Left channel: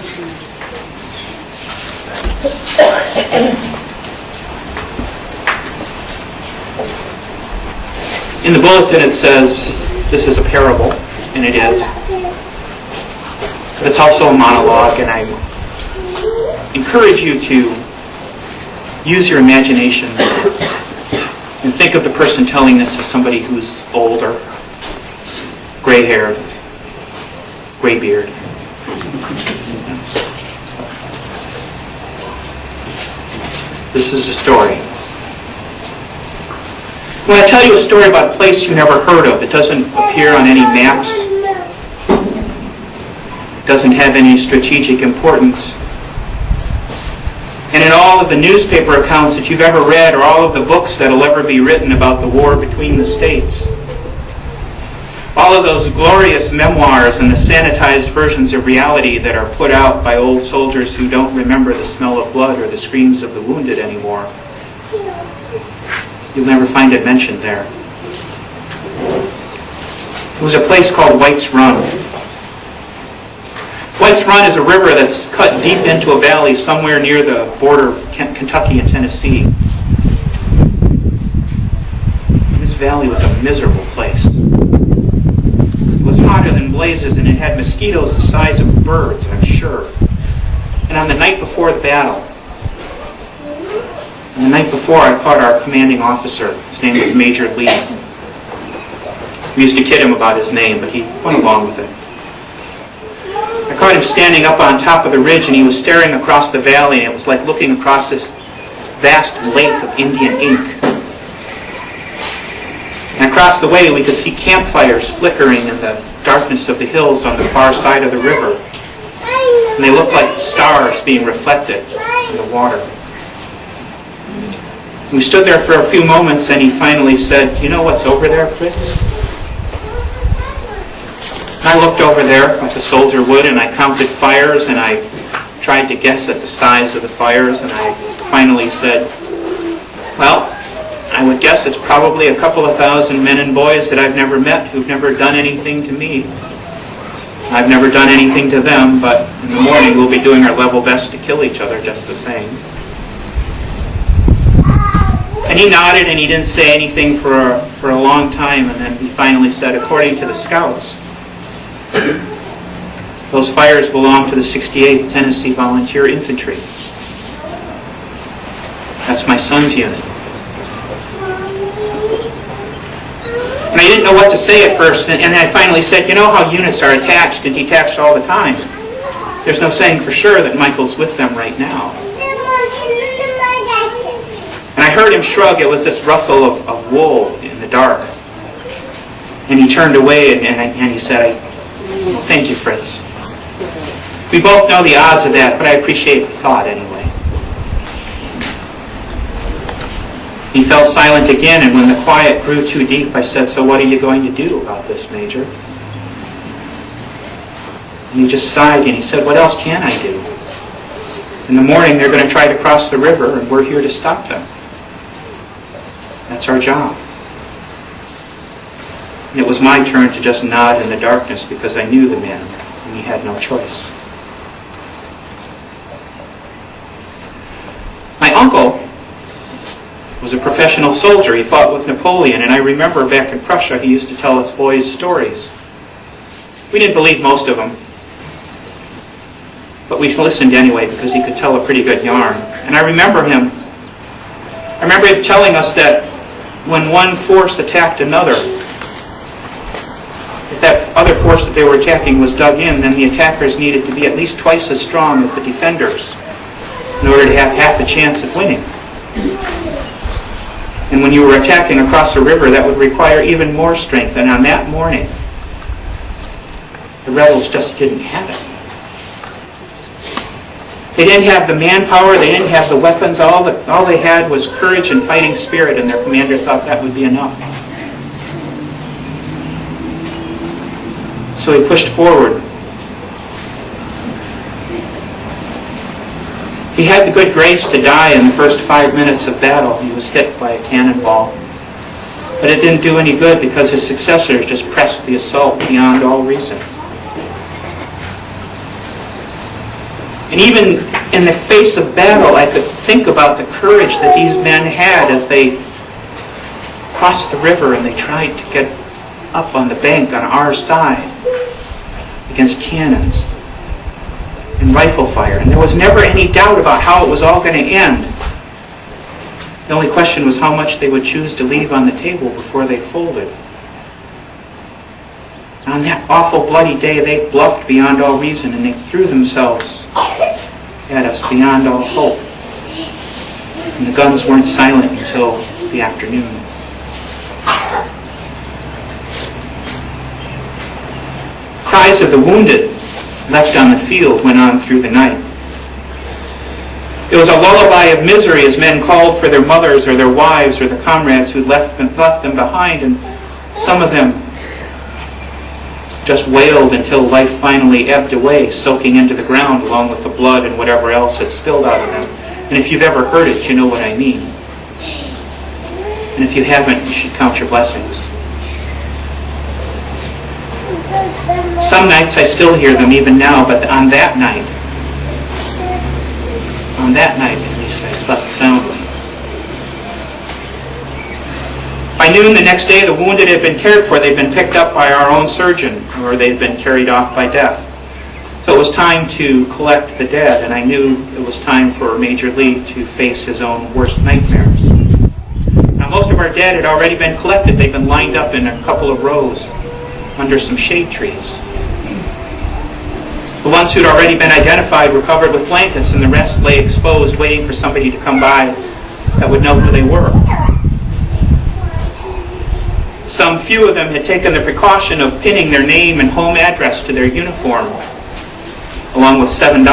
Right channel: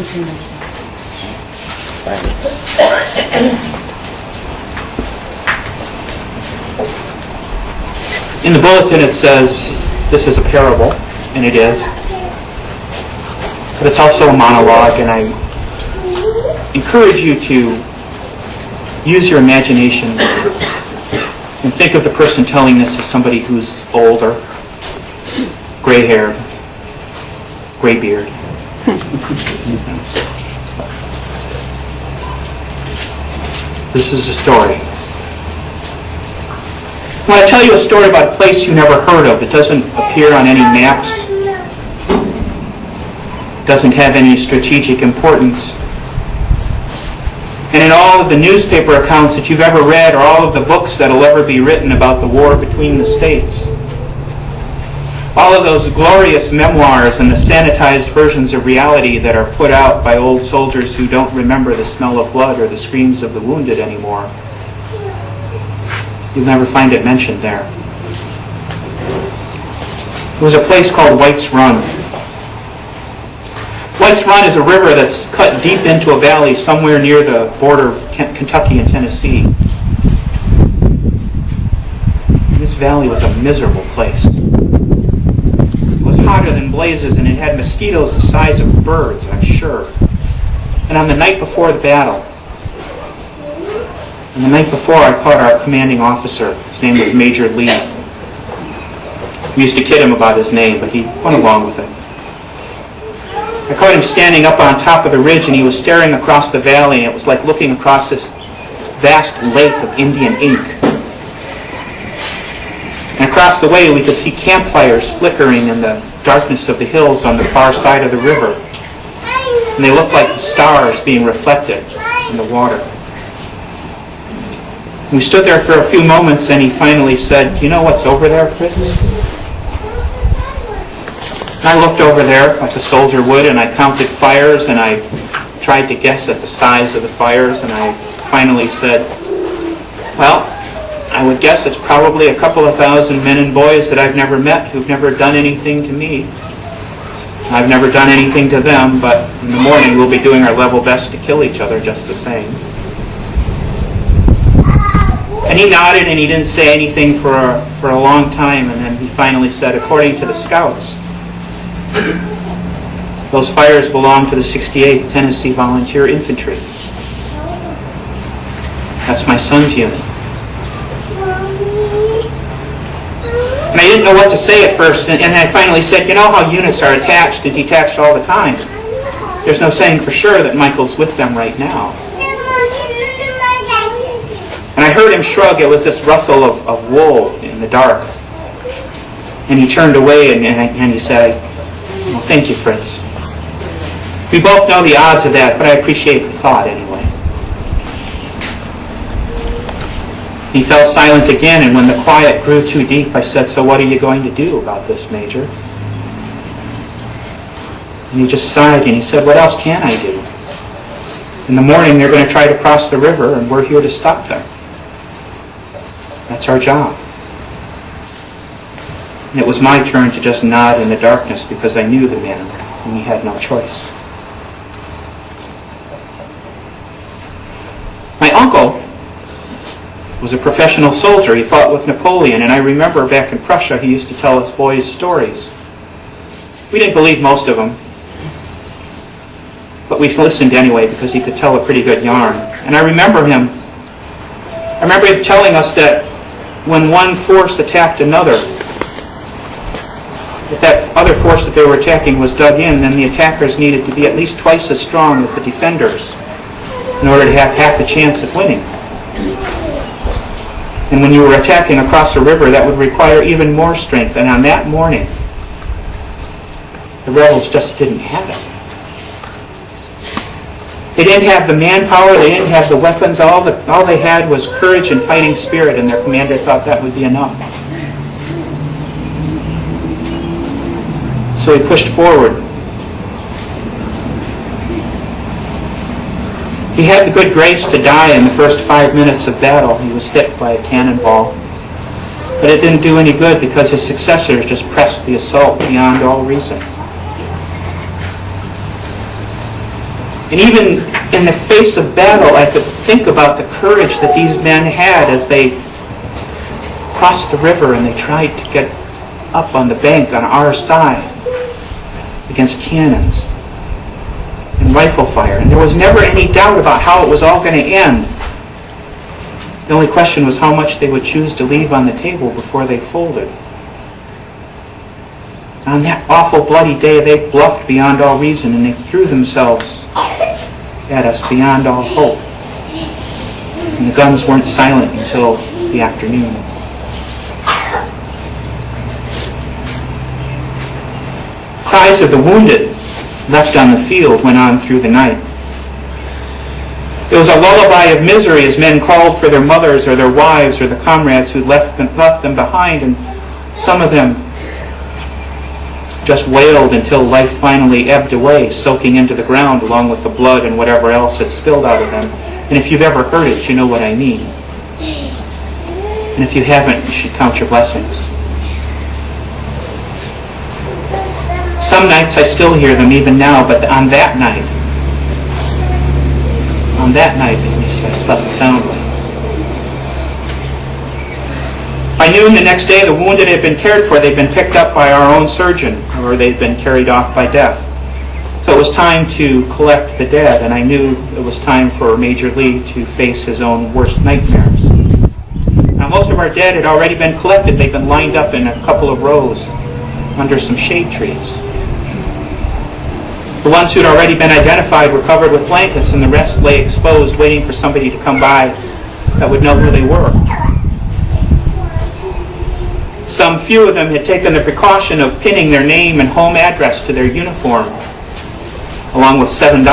In the bulletin it says this is a parable, and it is. But it's also a monologue, and I encourage you to use your imagination and think of the person telling this as somebody who's older, gray-haired, gray-beard. This is a story. When I tell you a story about a place you never heard of, it doesn't appear on any maps, it doesn't have any strategic importance. And in all of the newspaper accounts that you've ever read, or all of the books that will ever be written about the war between the states, all of those glorious memoirs and the sanitized versions of reality that are put out by old soldiers who don't remember the smell of blood or the screams of the wounded anymore, you'll never find it mentioned there. There was a place called White's Run. White's Run is a river that's cut deep into a valley somewhere near the border of Kentucky and Tennessee. And this valley was a miserable place. It was hotter than blazes, and it had mosquitoes the size of birds, I'm sure. And on the night before the battle, and the night before, I caught our commanding officer. His name was Major Lee. We used to kid him about his name, but he went along with it. I caught him standing up on top of the ridge, and he was staring across the valley, and it was like looking across this vast lake of Indian ink. And across the way, we could see campfires flickering in the darkness of the hills on the far side of the river. And they looked like the stars being reflected in the water. We stood there for a few moments, and he finally said, "You know what's over there, Fritz?" And I looked over there like a soldier would, and I counted fires, and I tried to guess at the size of the fires, and I finally said, "Well, I would guess it's probably a couple of thousand men and boys that I've never met, who've never done anything to me. I've never done anything to them, but in the morning we'll be doing our level best to kill each other just the same." And he nodded, and he didn't say anything for a long time, and then he finally said, "According to the scouts, those fires belong to the 68th Tennessee Volunteer Infantry. That's my son's unit." And I didn't know what to say at first, and I finally said, "You know how units are attached and detached all the time. There's no saying for sure that Michael's with them right now." And I heard him shrug. It was this rustle of wool in the dark. And he turned away, and he said, "Well, thank you, Fritz. We both know the odds of that, but I appreciate the thought anyway." He fell silent again, and when the quiet grew too deep, I said, "So what are you going to do about this, Major?" And he just sighed, and he said, "What else can I do? In the morning, they're going to try to cross the river, and we're here to stop them. That's our job." And it was my turn to just nod in the darkness because I knew the man, and he had no choice. My uncle was a professional soldier. He fought with Napoleon, and I remember back in Prussia he used to tell us boys stories. We didn't believe most of them, but we listened anyway because he could tell a pretty good yarn. And I remember him telling us that when one force attacked another, if that other force that they were attacking was dug in, then the attackers needed to be at least twice as strong as the defenders in order to have half a chance of winning. And when you were attacking across a river, that would require even more strength. And on that morning, the rebels just didn't have it. They didn't have the manpower, they didn't have the weapons, all they had was courage and fighting spirit, and their commander thought that would be enough. So he pushed forward. He had the good grace to die in the first 5 minutes of battle. He was hit by a cannonball. But it didn't do any good because his successors just pressed the assault beyond all reason. And even in the face of battle, I could think about the courage that these men had as they crossed the river and they tried to get up on the bank on our side against cannons and rifle fire. And there was never any doubt about how it was all going to end. The only question was how much they would choose to leave on the table before they folded. On that awful bloody day, they bluffed beyond all reason, and they threw themselves at us beyond all hope. And the guns weren't silent until the afternoon. Cries of the wounded left on the field went on through the night. It was a lullaby of misery as men called for their mothers or their wives or the comrades who left them behind, and some of them just wailed until life finally ebbed away, soaking into the ground along with the blood and whatever else had spilled out of them. And if you've ever heard it, you know what I mean. And if you haven't, you should count your blessings. Some nights I still hear them even now, but on that night at least, I slept soundly. By noon the next day, the wounded had been cared for. They'd been picked up by our own surgeon, or they'd been carried off by death. So it was time to collect the dead, and I knew it was time for Major Lee to face his own worst nightmares. Now, most of our dead had already been collected. They'd been lined up in a couple of rows under some shade trees. The ones who'd already been identified were covered with blankets, and the rest lay exposed, waiting for somebody to come by that would know who they were. Some few of them had taken the precaution of pinning their name and home address to their uniform, along with $7,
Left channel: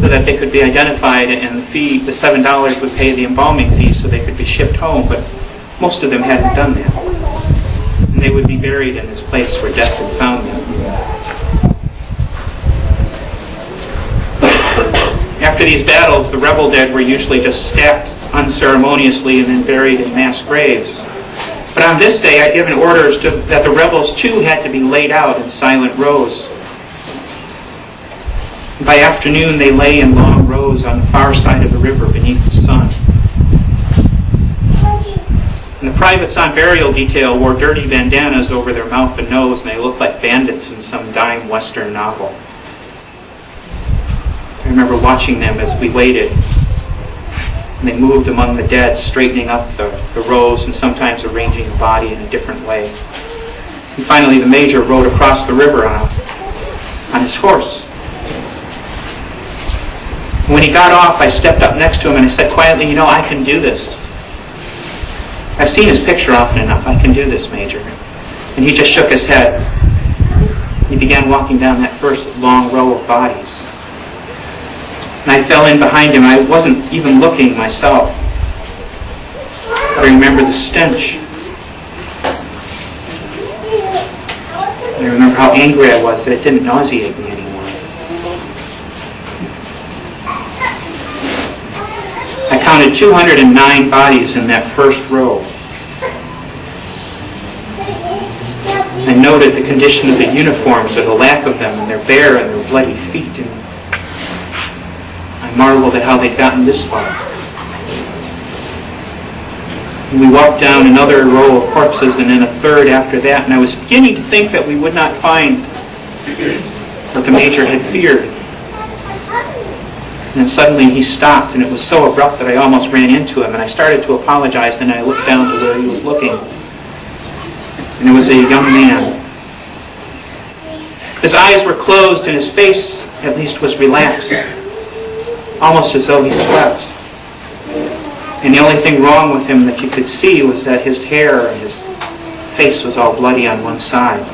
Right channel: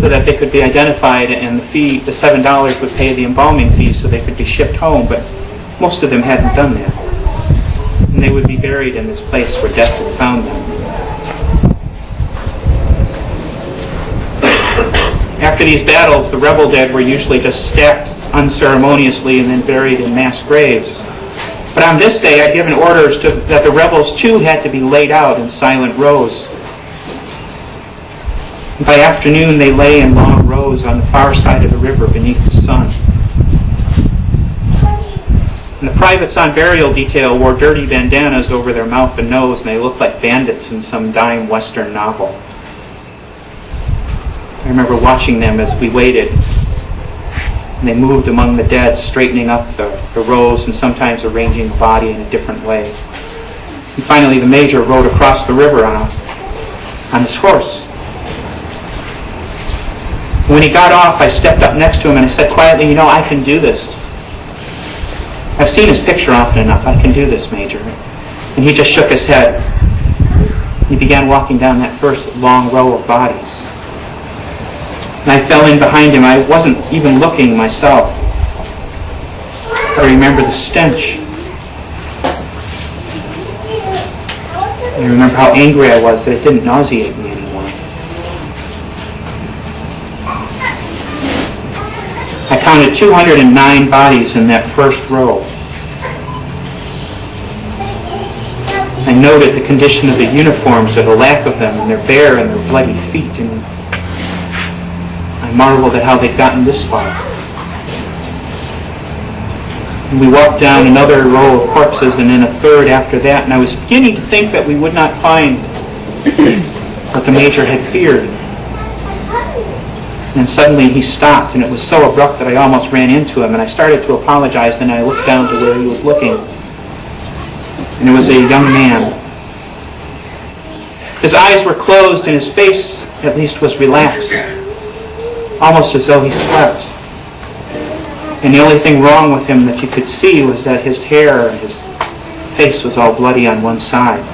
so that they could be identified, and the $7 would pay the embalming fee so they could be shipped home, but most of them hadn't done that. And they would be buried in this place where death had found them. After these battles, the rebel dead were usually just stacked unceremoniously and then buried in mass graves. But on this day, I'd given orders that the rebels too had to be laid out in silent rows. By afternoon, they lay in long rows on the far side of the river beneath the sun. And the privates on burial detail wore dirty bandanas over their mouth and nose, and they looked like bandits in some dime Western novel. I remember watching them as we waited. And they moved among the dead, straightening up the rows and sometimes arranging the body in a different way. And finally, the major rode across the river on his horse. And when he got off, I stepped up next to him and I said quietly, "You know, I can do this. I've seen his picture often enough. I can do this, Major." And he just shook his head. He began walking down that first long row of bodies. And I fell in behind him. I wasn't even looking myself. But I remember the stench. I remember how angry I was that it didn't nauseate me anymore. I counted 209 bodies in that first row. I noted the condition of the uniforms or the lack of them, and their bare and their bloody feet, and I marveled at how they'd gotten this far. And we walked down another row of corpses and then a third after that, and I was beginning to think that we would not find what the major had feared. And suddenly he stopped, and it was so abrupt that I almost ran into him, and I started to apologize, then I looked down to where he was looking. And it was a young man. His eyes were closed and his face, at least, was relaxed, almost as though he slept. And the only thing wrong with him that you could see was that his hair and his face was all bloody on one side.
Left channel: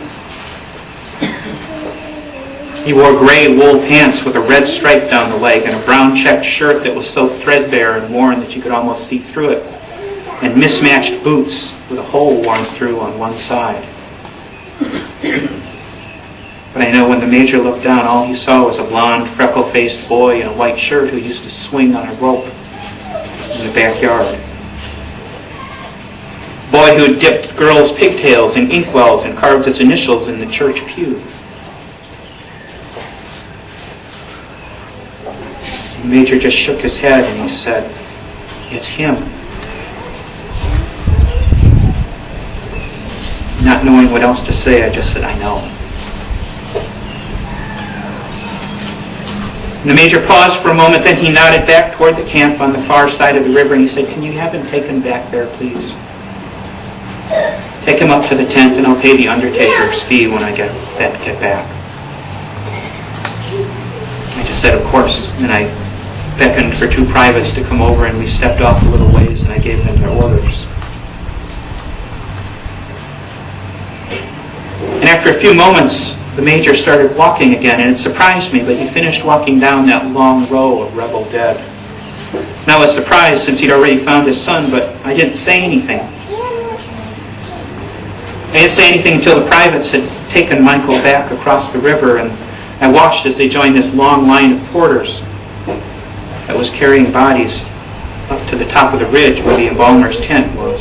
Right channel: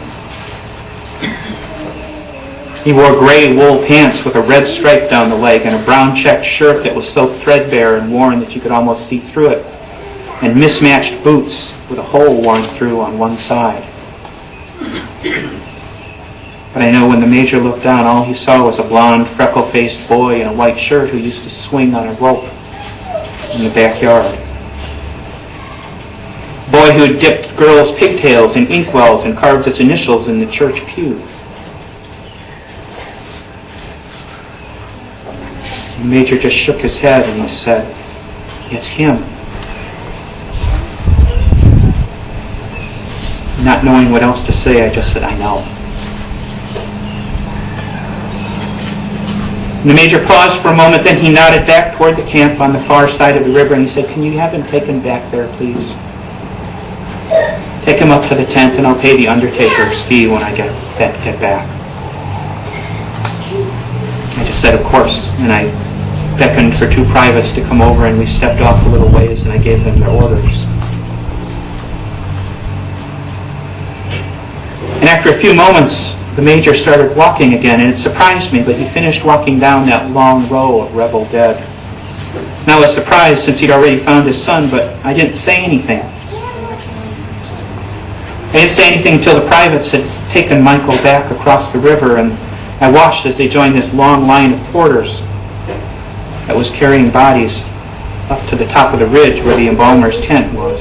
He wore gray wool pants with a red stripe down the leg and a brown checked shirt that was so threadbare and worn that you could almost see through it, and mismatched boots with a hole worn through on one side. But I know when the major looked down, all he saw was a blond, freckle-faced boy in a white shirt who used to swing on a rope in the backyard. A boy who had dipped girls' pigtails in inkwells and carved his initials in the church pew. The Major just shook his head and he said, "It's him." Not knowing what else to say, I just said, "I know." And the Major paused for a moment, then he nodded back toward the camp on the far side of the river and he said, "Can you have him taken back there, please? Take him up to the tent and I'll pay the undertaker's fee when I get back." I just said, "Of course," and I beckoned for two privates to come over and we stepped off a little ways and I gave them their orders. And after a few moments, the Major started walking again, and it surprised me, but he finished walking down that long row of rebel dead. And I was surprised since he'd already found his son, but I didn't say anything. I didn't say anything until the privates had taken Michael back across the river, and I watched as they joined this long line of porters that was carrying bodies up to the top of the ridge where the embalmer's tent was.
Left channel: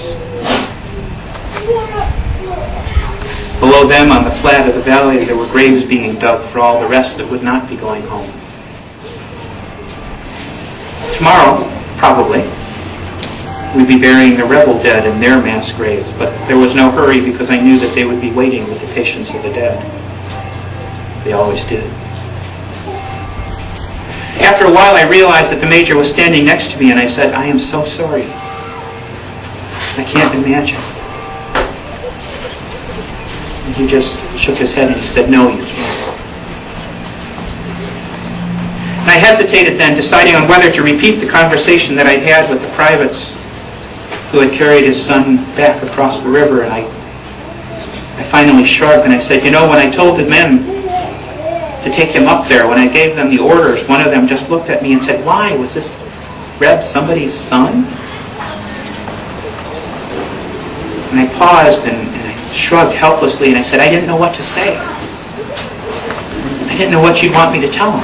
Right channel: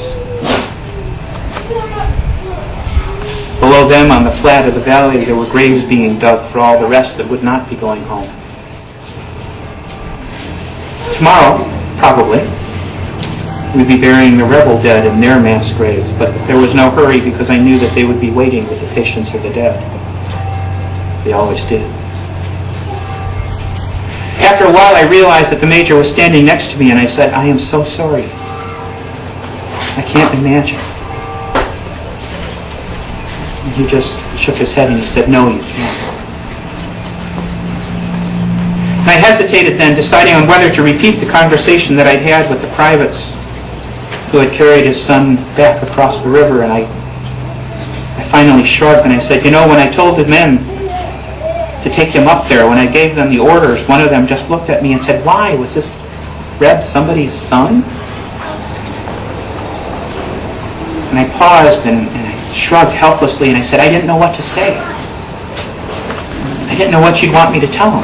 Below them, on the flat of the valley, there were graves being dug for all the rest that would not be going home. Tomorrow, probably, we'd be burying the rebel dead in their mass graves, but there was no hurry because I knew that they would be waiting with the patience of the dead. They always did. After a while, I realized that the Major was standing next to me, and I said, "I am so sorry. I can't imagine." And he just shook his head and he said, "No, you can't." And I hesitated then, deciding on whether to repeat the conversation that I'd had with the privates who had carried his son back across the river, and I finally shrugged and I said, "You know, when I told the men to take him up there, when I gave them the orders, one of them just looked at me and said, 'Why? Was this Reb somebody's son?'" And I paused and I shrugged helplessly and I said, "I didn't know what to say. I didn't know what you'd want me to tell him."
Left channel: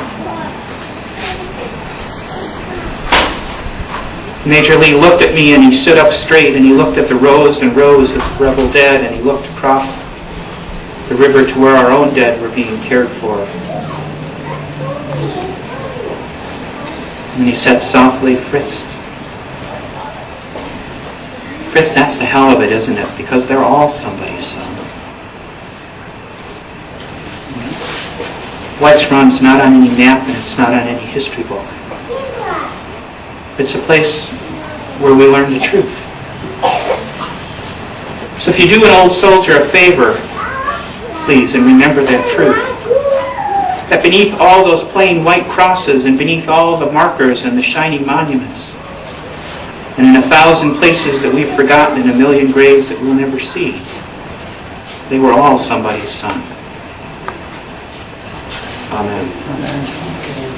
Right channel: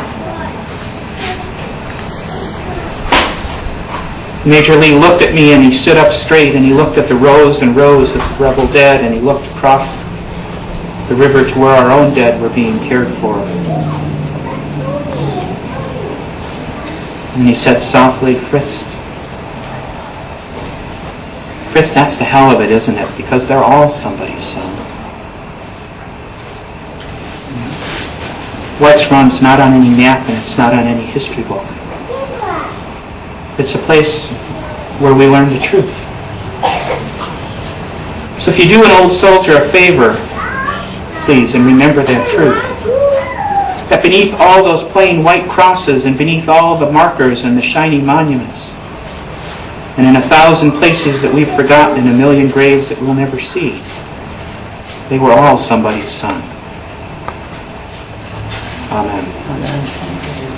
Major Lee looked at me and he stood up straight and he looked at the rows and rows of rebel dead and he looked across the river to where our own dead were being cared for. And he said softly, Fritz, that's the hell of it, isn't it? Because they're all somebody's son. White's Run's not on any map and it's not on any history book. It's a place where we learn the truth. So if you do an old soldier a favor, please, and remember that truth. That beneath all those plain white crosses and beneath all the markers and the shiny monuments, and in 1,000 places that we've forgotten and 1,000,000 graves that we'll never see, they were all somebody's son. Amen. Amen.